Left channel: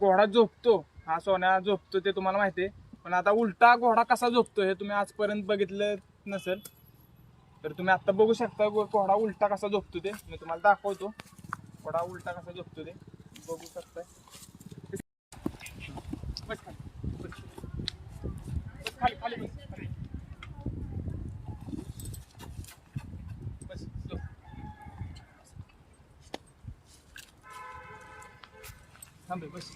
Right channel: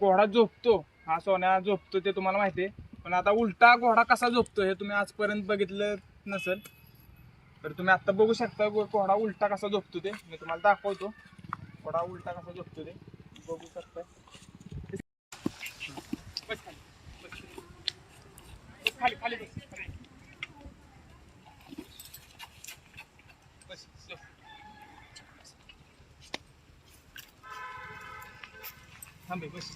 घोडा झोपतो, हा सोन्या झोपतो ते तुम्हाला माहिती आहे. पण आता उलटा घोडा कसा झोपतो हे तुम्ही आजपर्यंत बघितलं नसेल, तर तुम्ही आता बघू शकता घोडा उलटा कसा झोपतो ते मी तुम्हाला दाखवतो. घोडा उलटा कसा झोपतो ते बघू शकता. खाली खाली बस थांबे बस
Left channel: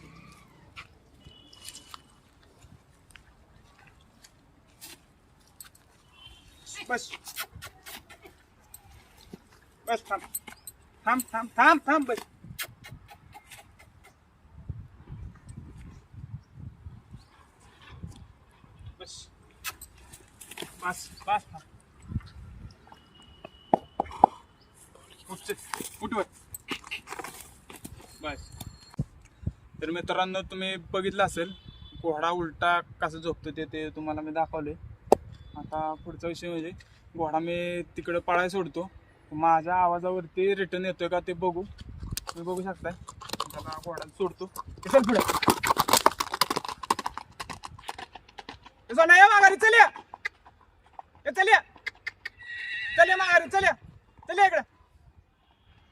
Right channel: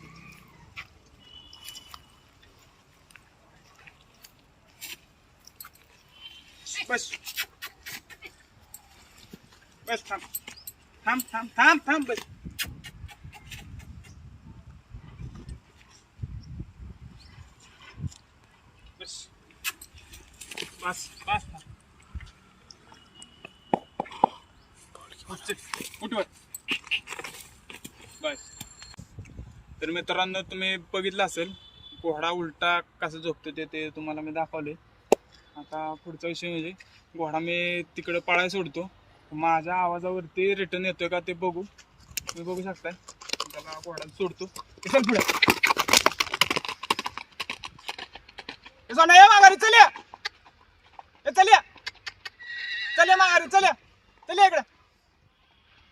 बस बस थांब थांब थांब थांब थांब बस बस बस बस थांब उठ बस. तर मित्रांनो तुम्ही बघितलं असेल घोडा उलटा कसं झोपतो ते तुम्हाला मी दाखवले. आता पुढचा विषय म्हणजे घोडा मी तिकडे पळायला सोडतो, माझ्या आवाजावरती रिटर्न येतोय का ते बघू. तुम्ही बघू शकताय त्याला घोडा सोडतो. चल पुढे माघारी चल चल चल माघारी चल चल इकडं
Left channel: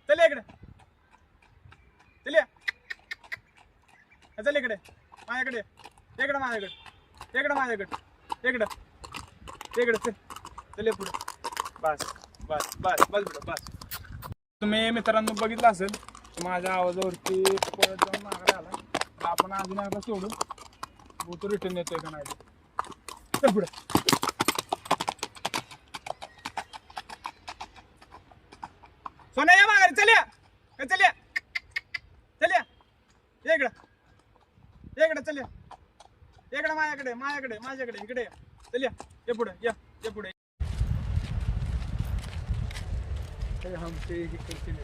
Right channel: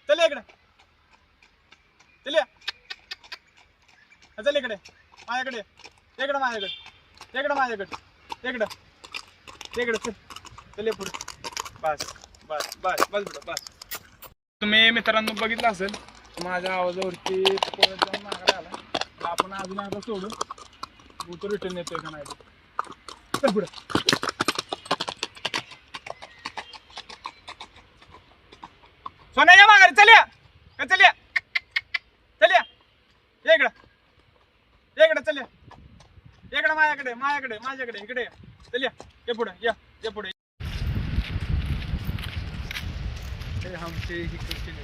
चल इकडं चल चल इकडे माझ्याकडे इकडं माझ्याकडे इकडं माझ्याकडे इकडं इकडं चल चल पुढे बस बस बस बस बेटा बस. तुम्ही मित्रांनो बघितलं असेल माझ्या आवाजावरती पळत जाऊन माघारी आला. आपण अजून आता सोडून तो रिटर्न येतोय का नाही चल पुढे. सोन्या या माघारी चल चल चल इकडं इकडं चल इकडं माझ्याकडे माझ्याकडे माझ्याकडे इकडे चल ये पुढे या पुढे. हमसे ही क्वेश्चन